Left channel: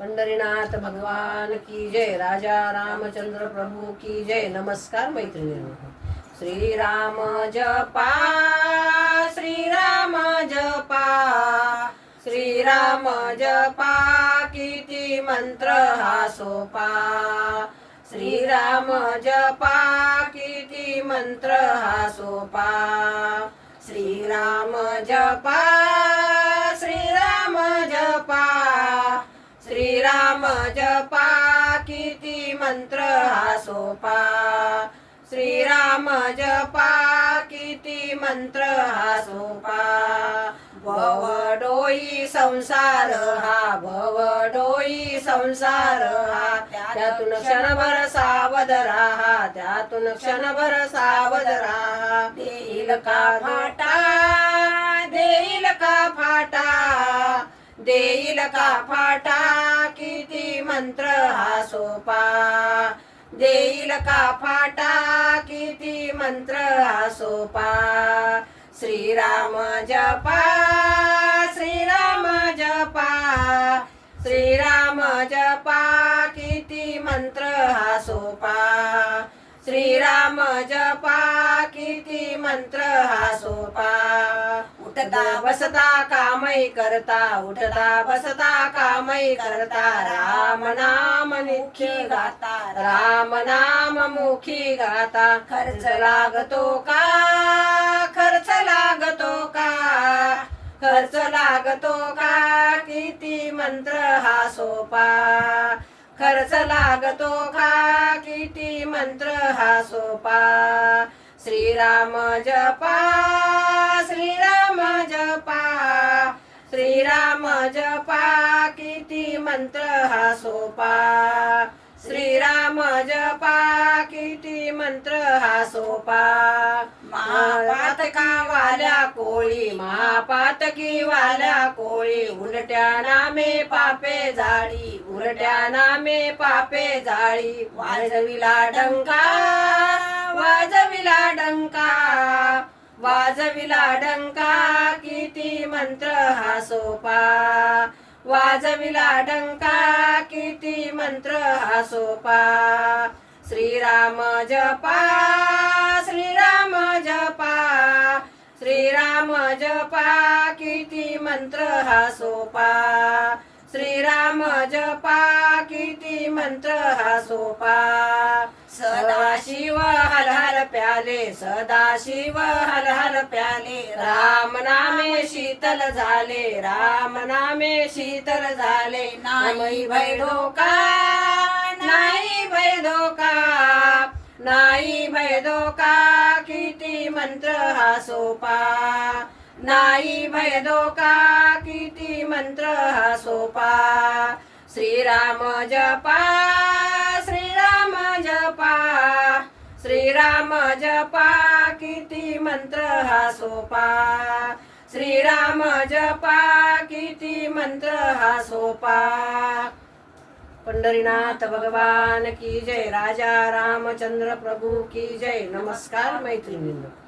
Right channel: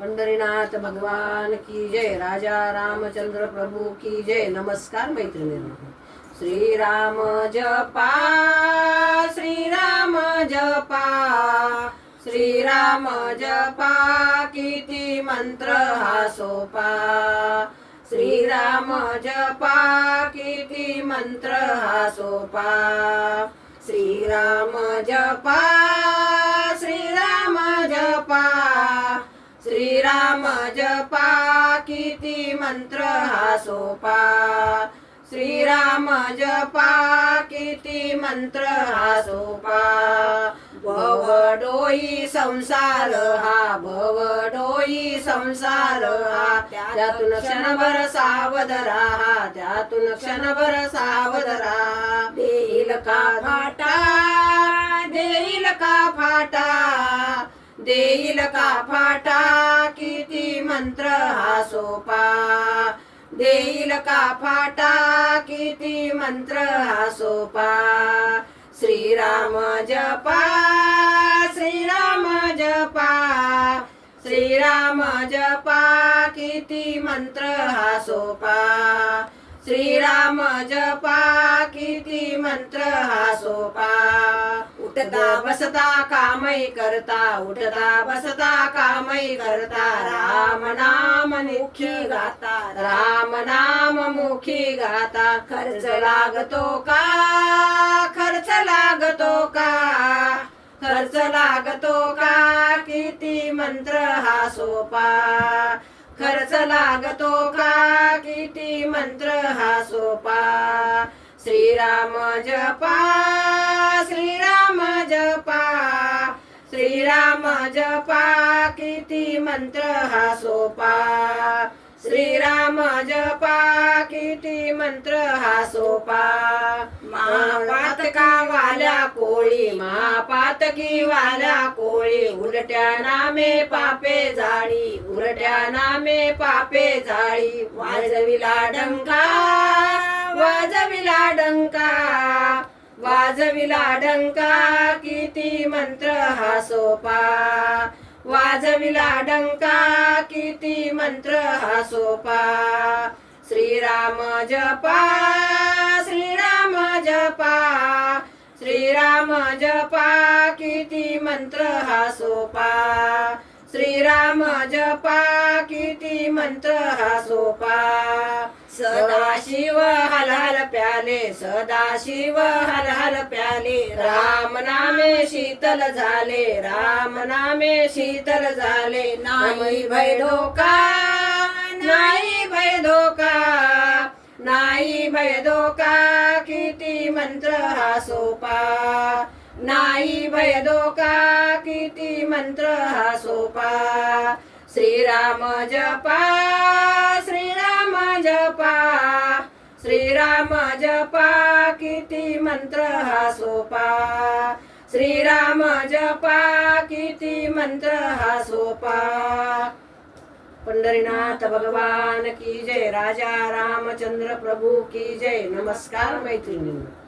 पंढरीनाथ भगवान की जय। राजा रामचंद्र प्रभु की जय। नमस्कार मैत्रिणींनो। श्रीराम जपा, श्रीराम जपा, श्रीराम जपा, किती मंत्र हा सोपा। श्रीराम जपा, किती मंत्र हा सोपा। श्रीराम जपा, श्रीराम जपा, श्रीराम जपा, किती मंत्र हा सोपा। श्रीराम जपा, किती मंत्र हा सोपा। भवडोई संसार हा, भवडोई संसार हा, त्यातून क्षणभर सावध राहा, त्यातून क्षणभर सावध राहा। देईल का फाटा, देईल का फाटा, देईल का फाटा, किती मंत्र हा सोपा। देईल का फाटा, किती मंत्र हा सोपा। श्रीराम जपा, श्रीराम जपा, श्रीराम जपा, किती मंत्र हा सोपा। श्रीराम जपा, किती मंत्र हा सोपा। उठता बसता कामही करता, उठता बसता कामही करता, राम नाम मुखी गाता, राम नाम मुखी गाता। खर्च लागतो का, खर्च लागतो का, खर्च लागतो का, किती मंत्र हा सोपा। खर्च लागतो का, किती मंत्र हा सोपा। श्रीराम जपा, श्रीराम जपा, श्रीराम जपा, किती मंत्र हा सोपा। श्रीराम जपा, किती मंत्र हा सोपा। महापातका वाल्या कोळी, महापातकी वाल्या कोळी, उलट्या नामे पापे जाळी, उलट्या नामे पापे जाळी। वाजविला डंका, वाजविला डंका, वाजविला डंका, किती मंत्र हा सोपा। वाजविला डंका, किती मंत्र हा सोपा। श्रीराम जपा, श्रीराम जपा, श्रीराम जपा, किती मंत्र हा सोपा। श्रीराम जपा, किती मंत्र हा सोपा। सदाशिव हल हल प्याले, सदाशिव हल हल प्याले, राम नामे शीतल झाले, राम नामे शीतल झाले। नाही भय धोका, नाही भय धोका, नाही भय धोका, किती मंत्र हा सोपा। नाही भय धोका, किती मंत्र हा सोपा। श्रीराम जपा, श्रीराम जपा, श्रीराम जपा, किती मंत्र हा सोपा। श्रीराम जपा, किती मंत्र हा सोपा। पंढरीनाथ भगवान की जय। राजा रामचंद्र प्रभु की जय। नमस्कार मैत्रिणींनो।